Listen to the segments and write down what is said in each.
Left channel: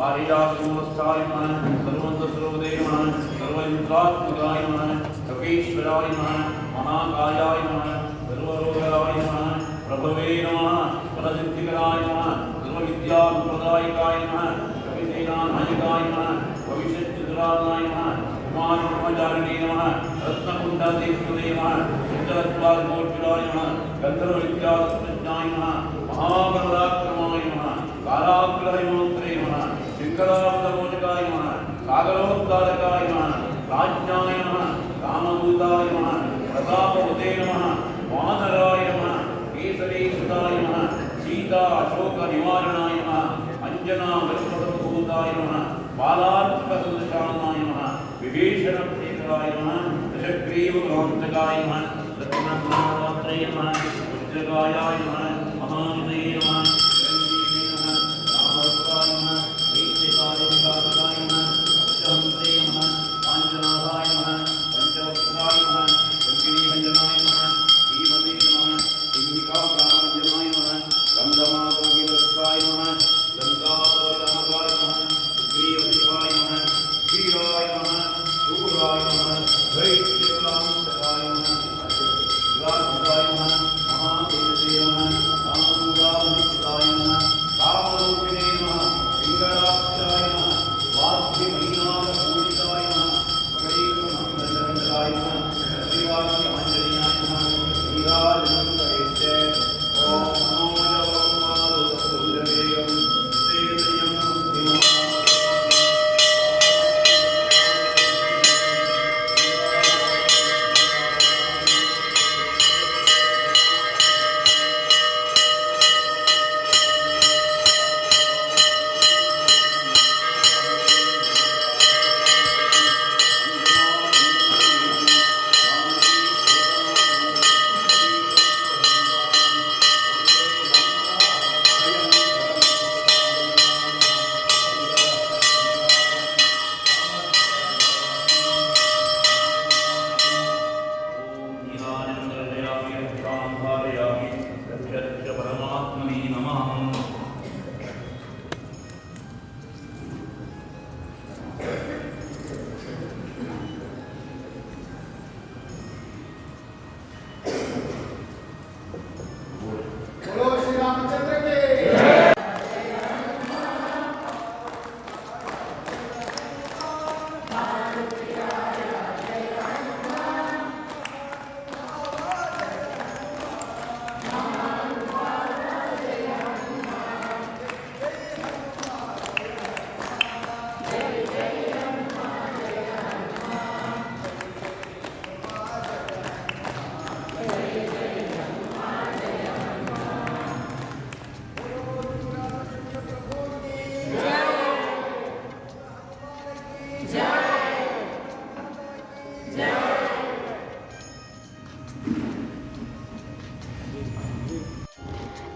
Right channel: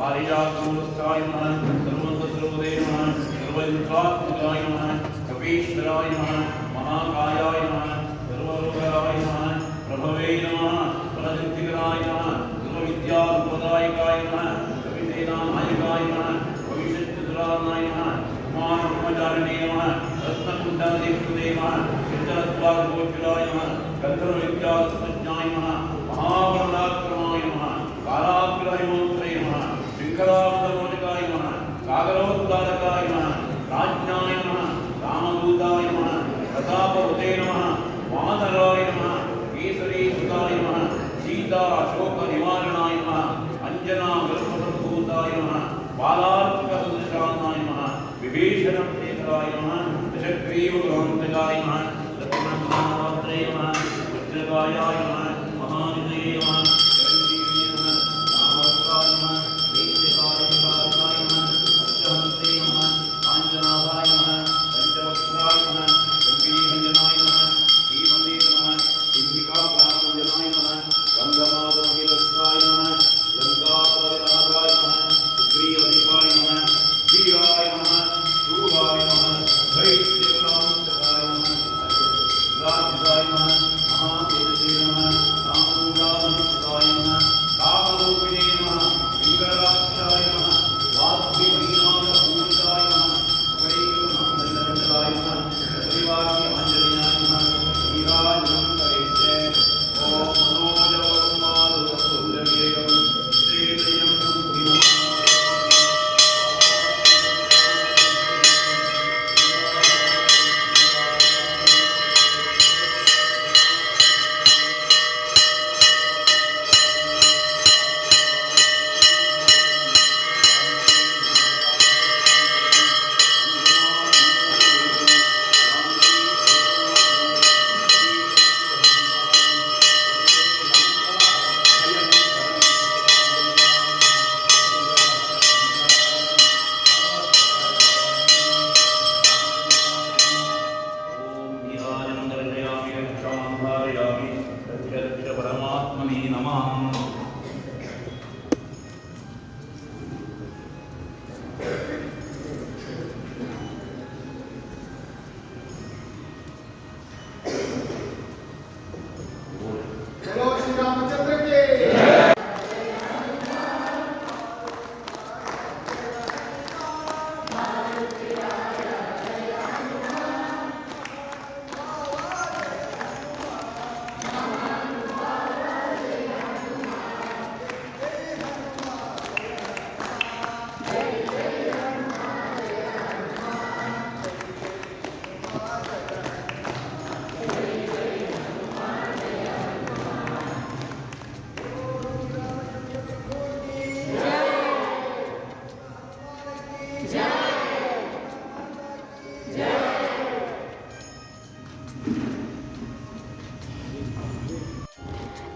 பாரிஜாத்தூமஸ்தாயமான சர்வந்த சர்வோதயமான சர்வஜித்ராத்மகாயமான கபீஸ்வராயமான மகாகாயாயமான சர்வரோகராயமான பிரபவே நம பரஜந்திகராயமான சர்வவித்யா உபதாயகாயமான சவிதேனாநாயகாயமான பவிஷத்துராநாயமான குமார் பிரம்மச்சாரணே நம ரத்னகுண்டாதேவதேவ சித்தாத்வாகோச்சுராயம கந்தர்வவித்யாத்மஜாயம மகாபரதாக்கிரமாயம பாராக்கிரஹமோத்ரேய వికలాంగరోజకాయ నమ. సాగరోద్ధారకాయ నమ. రాజ్ఞాయ నమ. రామదూతాయ నమ. ప్రతాపవతే నమ. వానరాయ నమ. కేసరీకృతాయ నమ. సీతా అశోక నివారణాయ నమ. అంజనా విల్పదూతాయ నమ. బాలాత్మకశాంతాయ నమ. విభీషణ శేఖరాయ నమ. దశగ్రీవకాంతకాయ నమ. లక్ష్మణాత్రేయ నమ. ఉజ్రకాయ నమ. మహానితయ నమ. परमात्मने नमः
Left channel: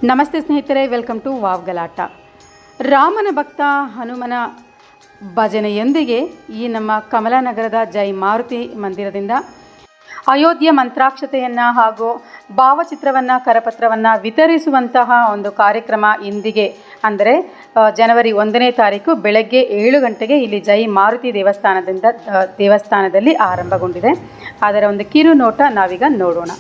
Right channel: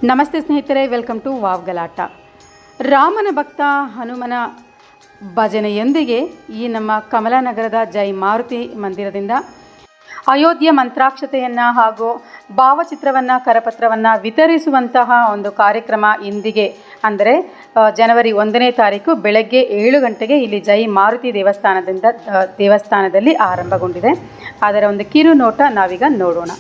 ನಮಸ್ತೆ ಸ್ನೇಹಿತರೆ ವೆಲ್ಕಮ್ ಟು ವಾವ್ ಗಲಾಟ ರಾಮನ ಭಕ್ತ ಹನುಮನ ಭಜನೆಯೊಂದಿಗೆ ಈ ನಮ್ಮ ಕಮಲಾನಗರದ ಜೈ ಮಾರುತಿ ಮಂದಿರದಿಂದ ಅಯೋಧ್ಯೆ ಮಂತ್ರಾಕ್ಷತೆಯನ್ನು ಹಾಗೂ ಭಾವಚಿತ್ರವನ್ನು, ಕರಪತ್ರವನ್ನು ವಿತರಿಸುವಂತಹ ಒಂದು ಕಾರ್ಯಕ್ರಮ ಇಂದಿಗೆ. ಅಂದರೆ ಜನವರಿ ಒಂದನೇ ತಾರೀಕು ಬೆಳಗ್ಗೆ ಏಳು ಗಂಟೆಗೆ ಇಲ್ಲಿ ಜೈ ಮಾರುತಿ ದೇವಸ್ಥಾನದಿಂದ ದೇವಸ್ಥಾನದಲ್ಲಿ ಆರಂಭಗೊಂಡಿದೆ. ಅದರ ಒಂದು ಕಿರು ನೋಟ ನಾವೀಗ ನೋಡೋಣ.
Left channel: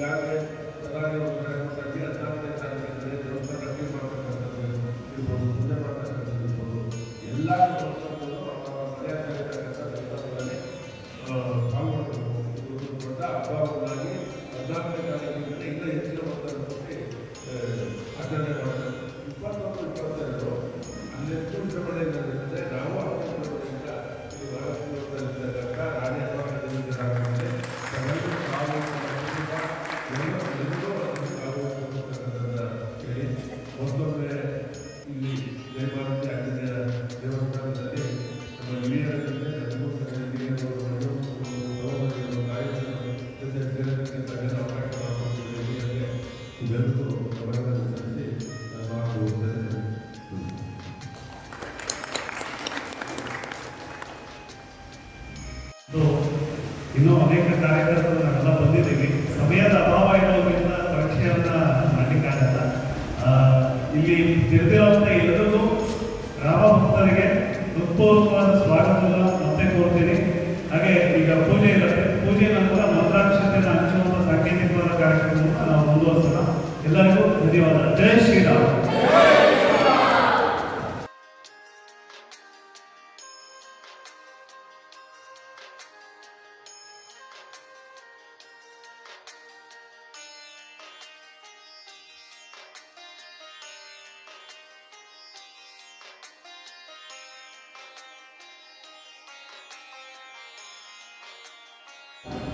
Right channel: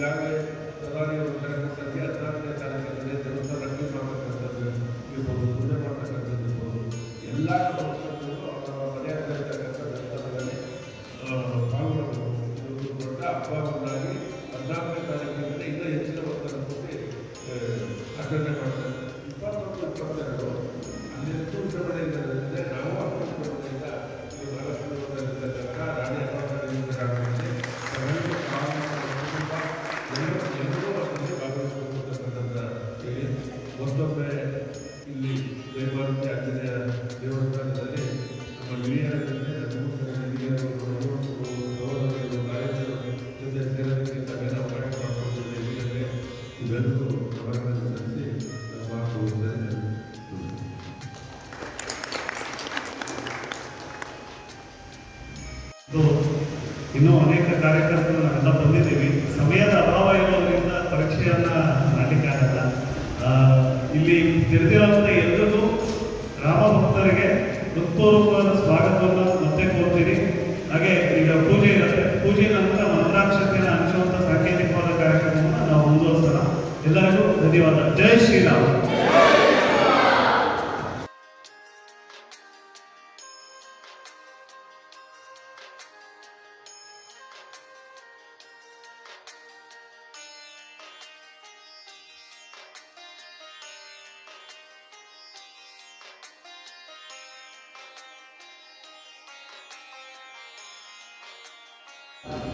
ಈಗಾಗಲೇ ಸರ್ಕಾರಿ ಸಾಧ್ಯ ಹದಿನಾಲ್ಕನೇ ತಾರೀಕು ದ್ರೌಪದಿ ರಫಿ ಮಾತನಾಡ್ತಾರೆ ಇವರು ಮುಂದೆ no,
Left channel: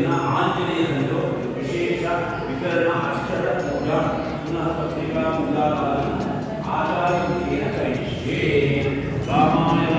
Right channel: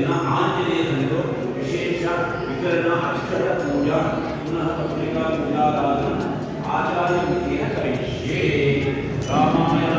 ದಿನ ಆಂಜನೇಯರಂದು ವಿಶೇಷ ವಿಕರಣ ಅಕ್ಷರ ಪೂಜಾ ಪುನಃ ಪತ್ರಿಕಾ ಪೂಜಾದಾನ ಆಚಾರ್ಯ ಕರಿಷ್ಯೇ ರಾಮಾಯಣ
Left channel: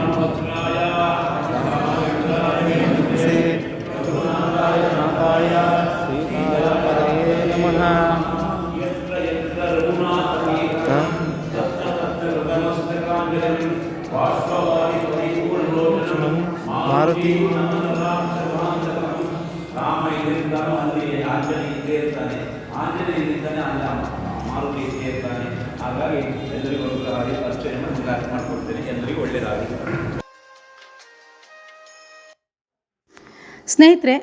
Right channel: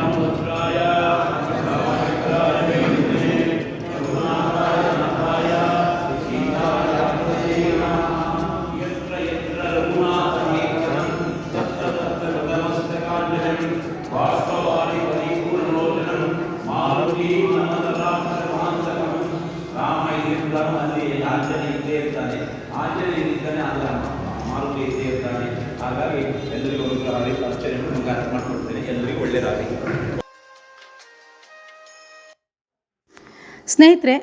ಸ್ನೇಹಿತರೆ,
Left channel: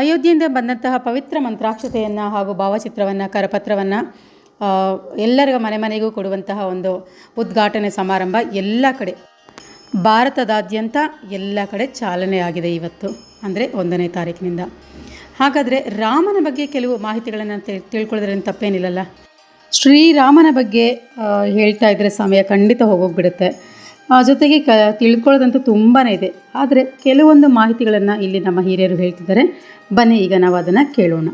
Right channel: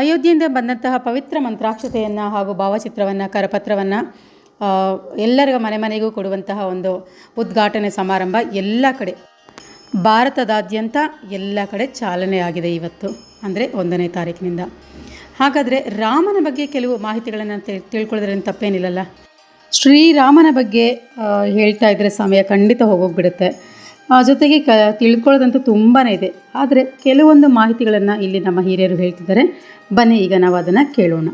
ಅಯೋಧ್ಯೆಯಿಂದ ಬಂದಂತಹ ಪವಿತ್ರ ಮಂತ್ರಾಕ್ಷತೆಯನ್ನು ಹಾಗೂ ಭಾವಚಿತ್ರವನ್ನು, ಕರಪತ್ರವನ್ನು ಎಲ್ಲರಿಗೂ, ಮನೆ ಮನೆಗೂ ಕೊಡುವಂತಹ ಒಂದು ಉದ್ಘಾಟನೆ ಸಮಾರಂಭ ಎಲ್ಲ ಕಡೆ, ಭಾರತದಾದ್ಯಂತ ಎಲ್ಲ ಕಡೆ ಚಾಲನೆ ಆಗಿದೆ ಇವತ್ತು, ಅಂದರೆ ಒಂದನೇ ತಾರೀಕಿನಿಂದ. ಹಾಗಾದರೆ ರಾಮನ ಬಗ್ಗೆ ಕೆಲವು ಮಾಹಿತಿಗಳನ್ನು ತಿಳ್ಕೊಳ್ಳೋದ್ರಿಂದ ತಪ್ಪೇನಿಲ್ಲಲ್ಲ? ಶ್ರೀರಾಮನ ಬಗ್ಗೆ ಹೇಳ್ತಾ ಇದ್ದರೆ ಸಮಯ ಖಂಡಿತ ಹೋಗೋಗ್ಬಿಡುತ್ತೆ ಜೊತೆಗೆ ಕ, ತಿಳ್ಕೊಳ್ಳೋದಂತೂ ತುಂಬಾ ಇದೆ. ಆದರೆ ಕೆಲವೊಂದು ಮಾಹಿತಿಗಳನ್ನು ಇಲ್ಲಿ ನಮ್ಮ ಹಿರಿಯರು ಹೇಳ್ತಿದ್ದಾರೆ. ಬನ್ನಿ ಈಗ ನಾವು ಅದನ್ನು ಕೇಳೋಣ.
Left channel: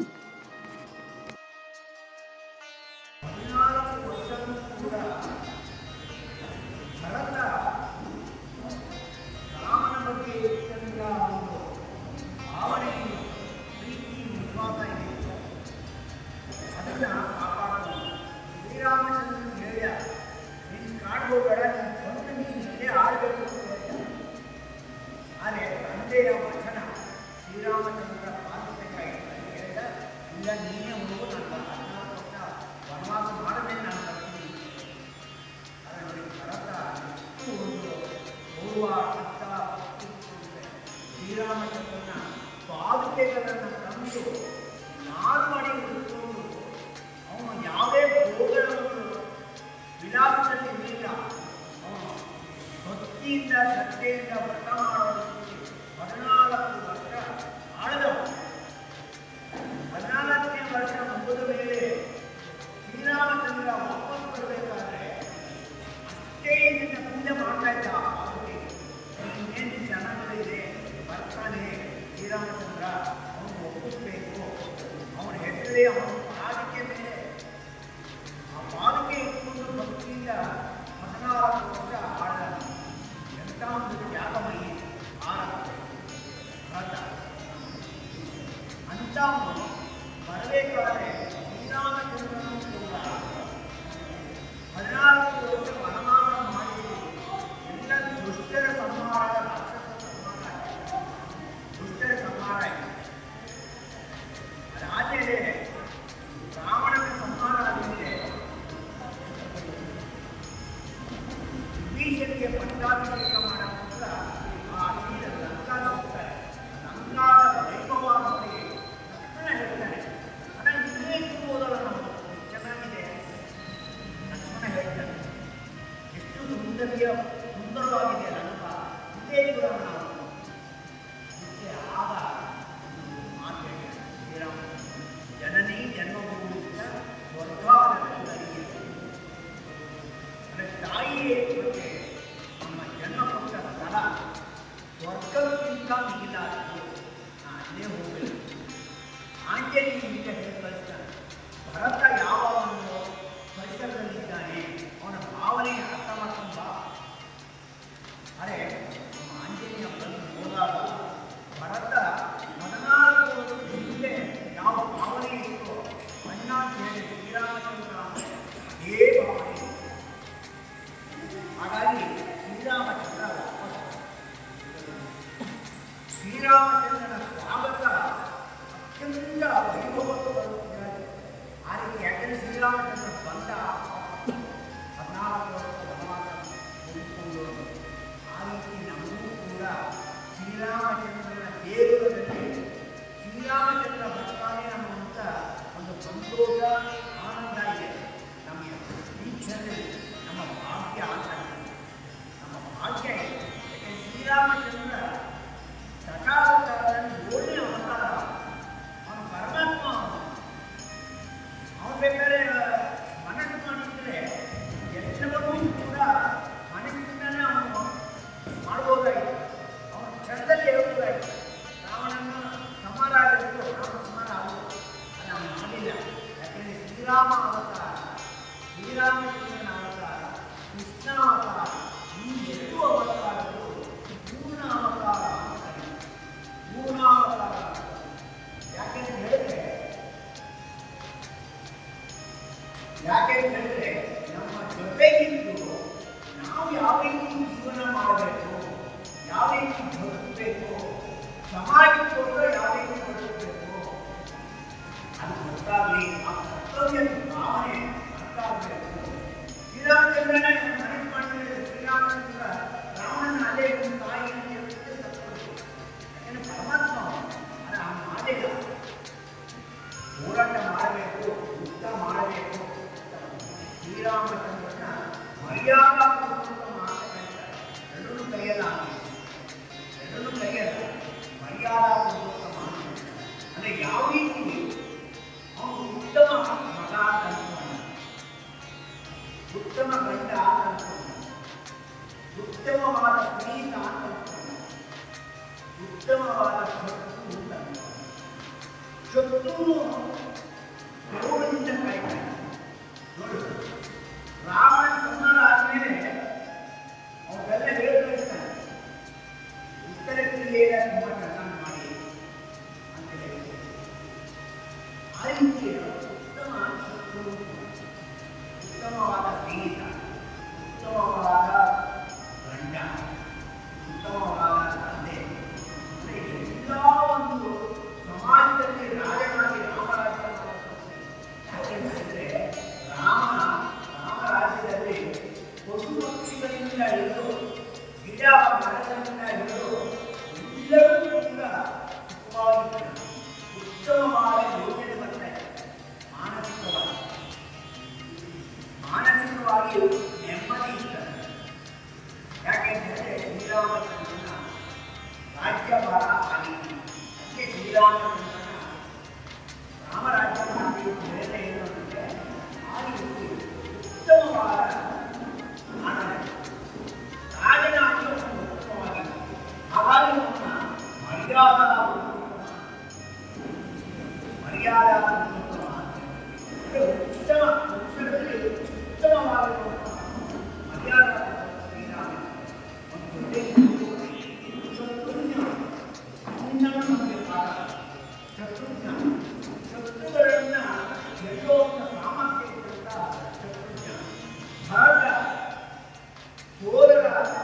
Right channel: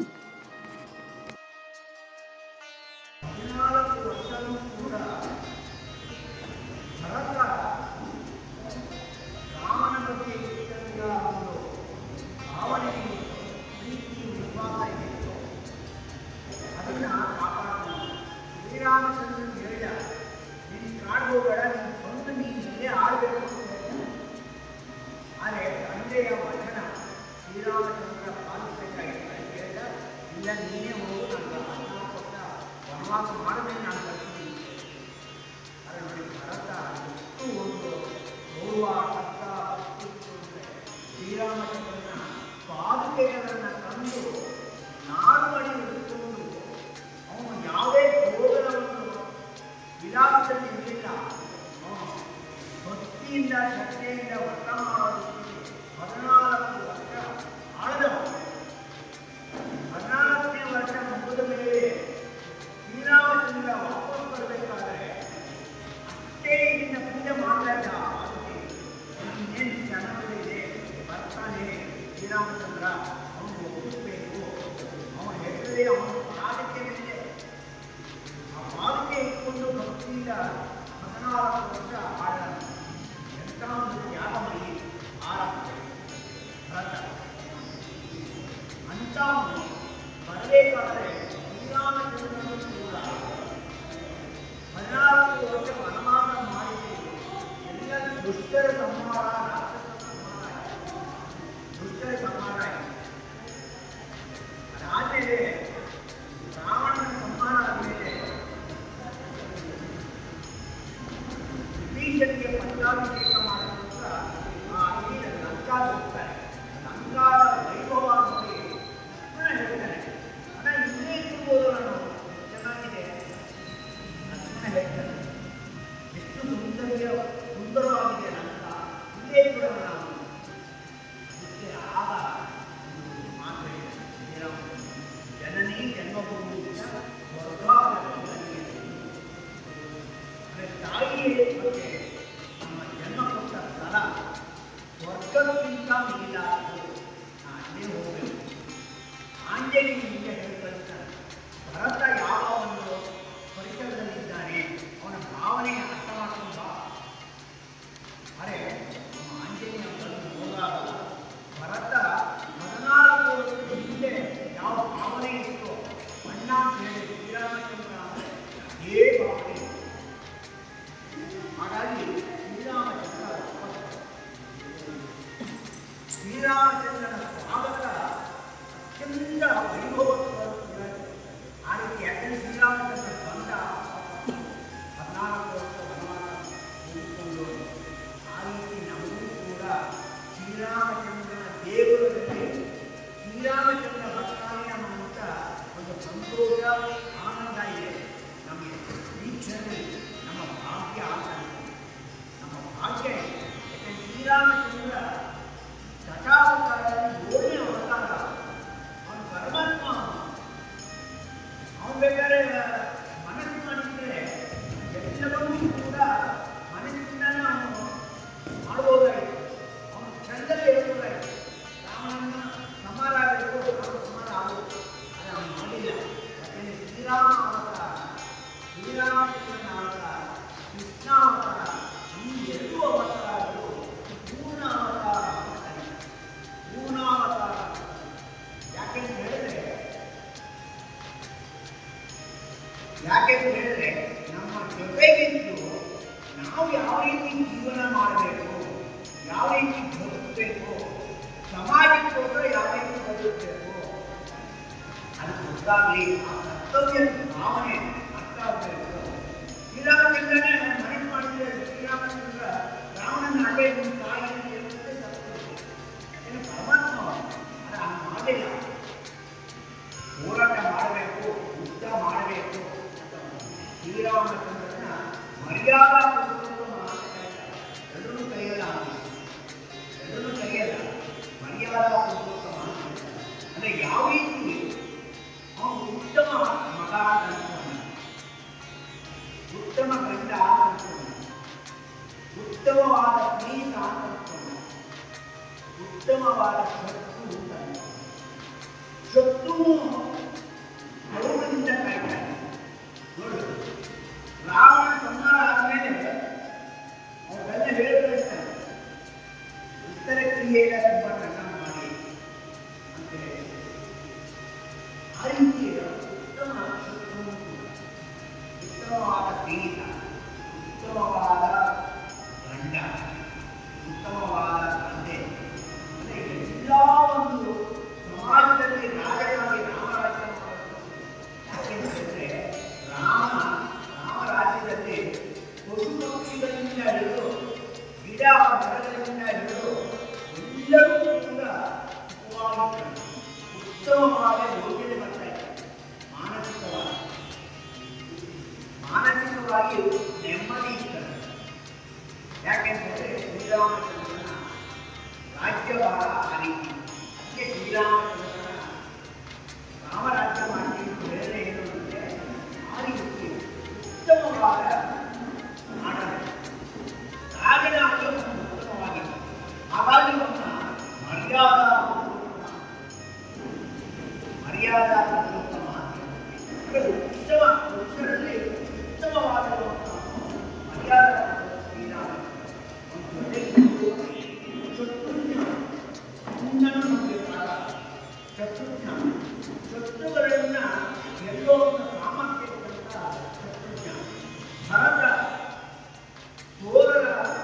के लिए पट्टा भी ಹಕ್ಕಾಗಲಿ ಕರ್ತವ್ಯದ ಭಾವನೆ ಅರ್ಥ ಆಗಬೇಕು ಇದಾದ್ರಿಂದನೇ ನಮ್ಮ ನಿಜವಾಗಿಯೂ ನೆಮ್ಮದಿ ಇರ್ತದೆ ಯಾಕೆಂದರೆ ಶ್ರೀರಾಮಚಂದ್ರನ ರಾಜ್ಯಭಾರ ಅನಿತ್ಯ ಶ್ರೀರಾಮಚಂದ್ರ Bora!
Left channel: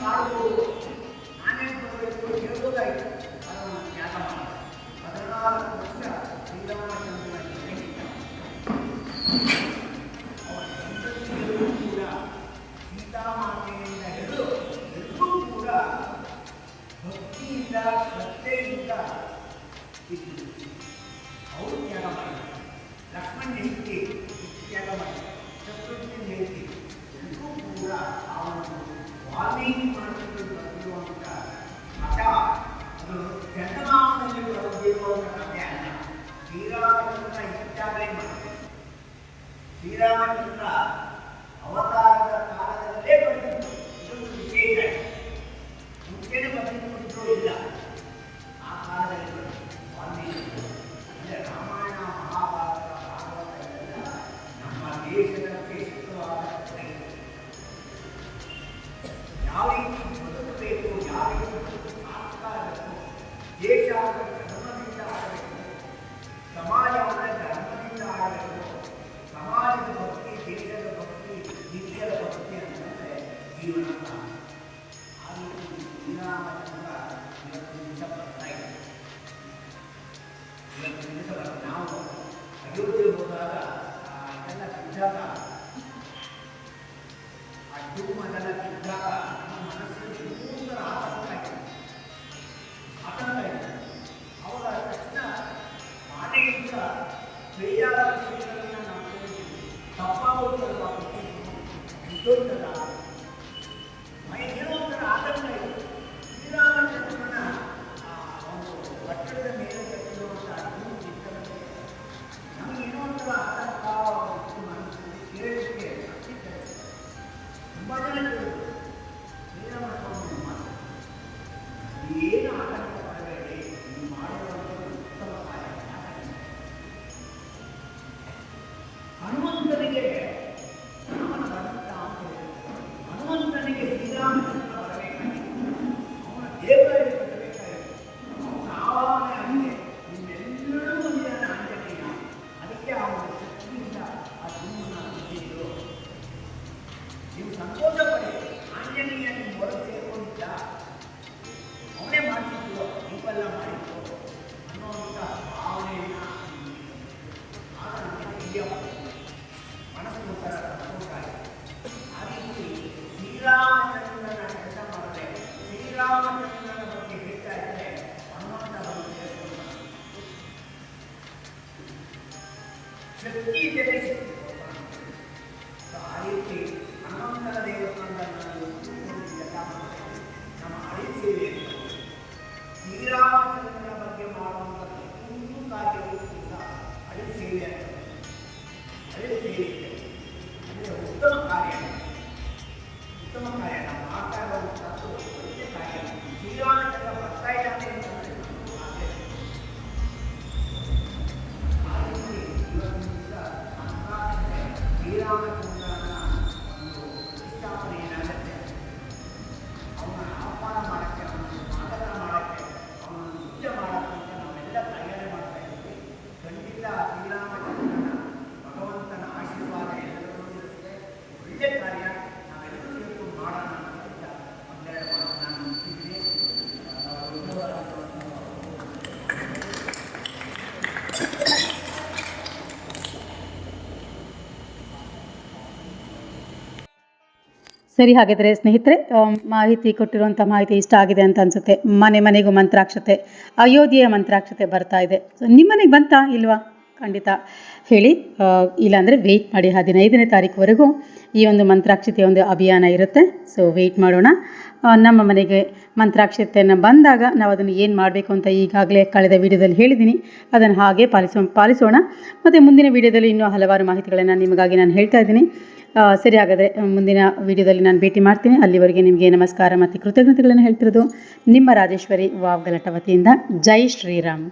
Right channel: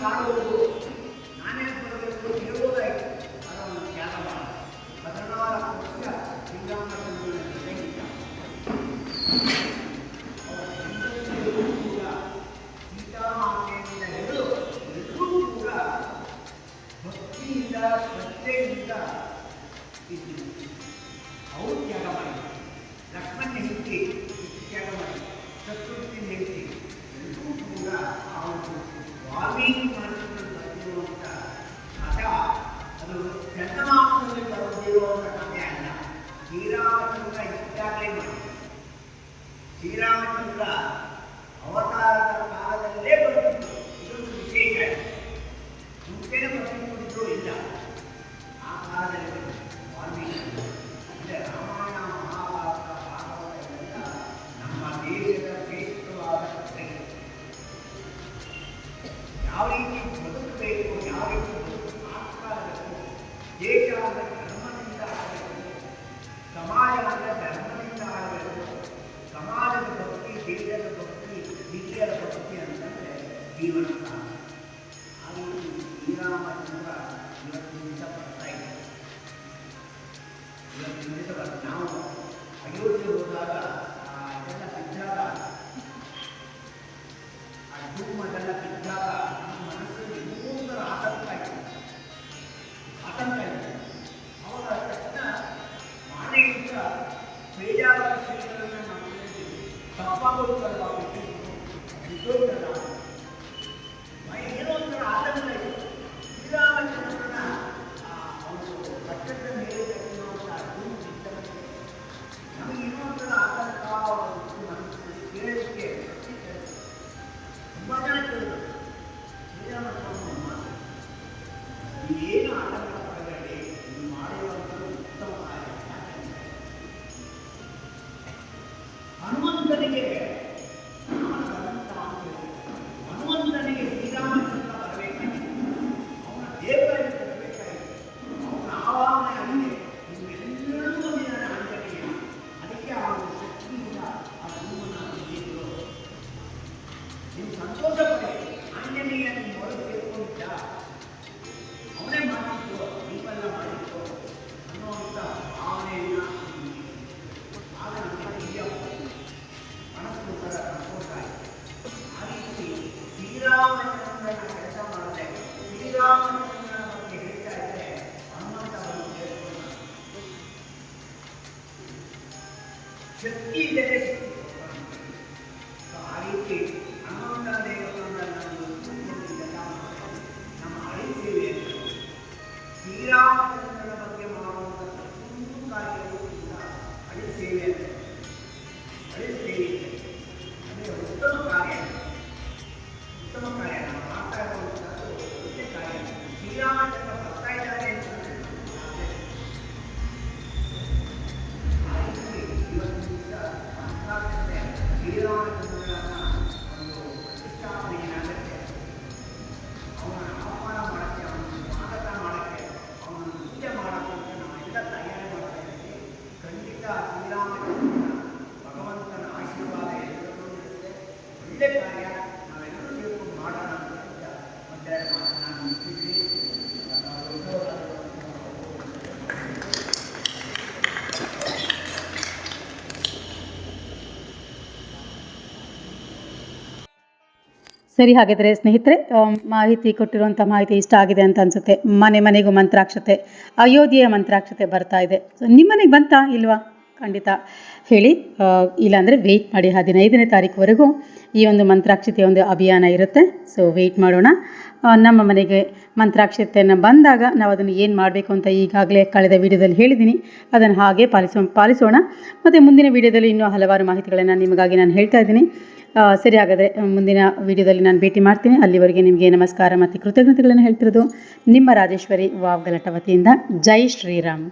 Tchau. ಸರಿ ಹಾಗಿದ್ರೆ ಸ್ನೇಹಿತರೆ ಮಾಹಿತಿ ಕೊಟ್ಟಿರುವಂಥ ಮಾಹಿತಿ ಇಷ್ಟ ಆಗಿದೆ ಅಂತ ಅನ್ಸುತ್ತೆ. ಮನೆ ಮನೆಗೂ ಮಂತ್ರಾಕ್ಷತೆ, ಅಯೋಧ್ಯೆಯ ಮಂತ್ರಾಕ್ಷತೆ ಬರ್ತಾ ಇದೆ. ಸೊ ನಿಮ್ಮ ಮನೆಗೆ ಬಂತಾ ಇಲ್ವಾ? ಖಂಡಿತ ಹೇಳಿ. ಇಲ್ಲಾಂದರೆ ವೆಯ್ಟ್ ಮಾಡಿ ಹದಿನೈದನೇ ತಾರೀಕುವರೆಗೂ ಈ ಒಂದು ಮಂತ್ರಾಕ್ಷತೆಯ ಒಂದು ಅಭಿಯಾನ ಇರುತ್ತೆ. ಸೊ ವೆಯ್ಟ್ ಮಾಡೋಣ. ನಮ್ಮ ಮನೆಗೆ ಮಂತ್ರಾಕ್ಷತೆಯನ್ನು ಬಂದಾಗ ನಾವು ಅದನ್ನು ಏನು ಮಾಡಬೇಕು ಅಂತ ಈಗಾಗಲೇ ಕಳೆದ ವೀಡಿಯೋದಲ್ಲಿ ಹೇಳಿದ್ದೀನಿ ಅದನ್ನು ಹಾಗೆ ಪಾಲಿಸೋ, ಪಾಲಿಸೋಣ. ಮತ್ತು ಮುಂದಿನ ವಿಡಿಯೋದಲ್ಲಿ ಇನ್ನೂ ಹಲವಾರು ಮಾಹಿತಿಗಳನ್ನು ನಿಮಗಾಗಿ ನಾನು ಹೇಳ್ತಾ ಇದ್ದೀನಿ. ಸರಿ ಹಾಗಾದರೆ ಮುಂದಿನ ವಿಡಿಯೋದಲ್ಲಿ ನಾನು ಭೇಟಿ ಮಾಡ್ತೀನಿ. ಅಲ್ಲಿವರೆಗೆ ನಿಮಗೆ ನಮಸ್ಕಾರ ಮತ್ತು ಕೃತಜ್ಞತೆಗಳನ್ನು ಹೇಳ್ತಿರೋದು ನಿಮ್ಮ ರಾಜೇಶ್ವರಿ ವಾವ್ ಗಲಟ ವತಿಯಿಂದ. ಜೈ ಶ್ರೀರಾಮ್.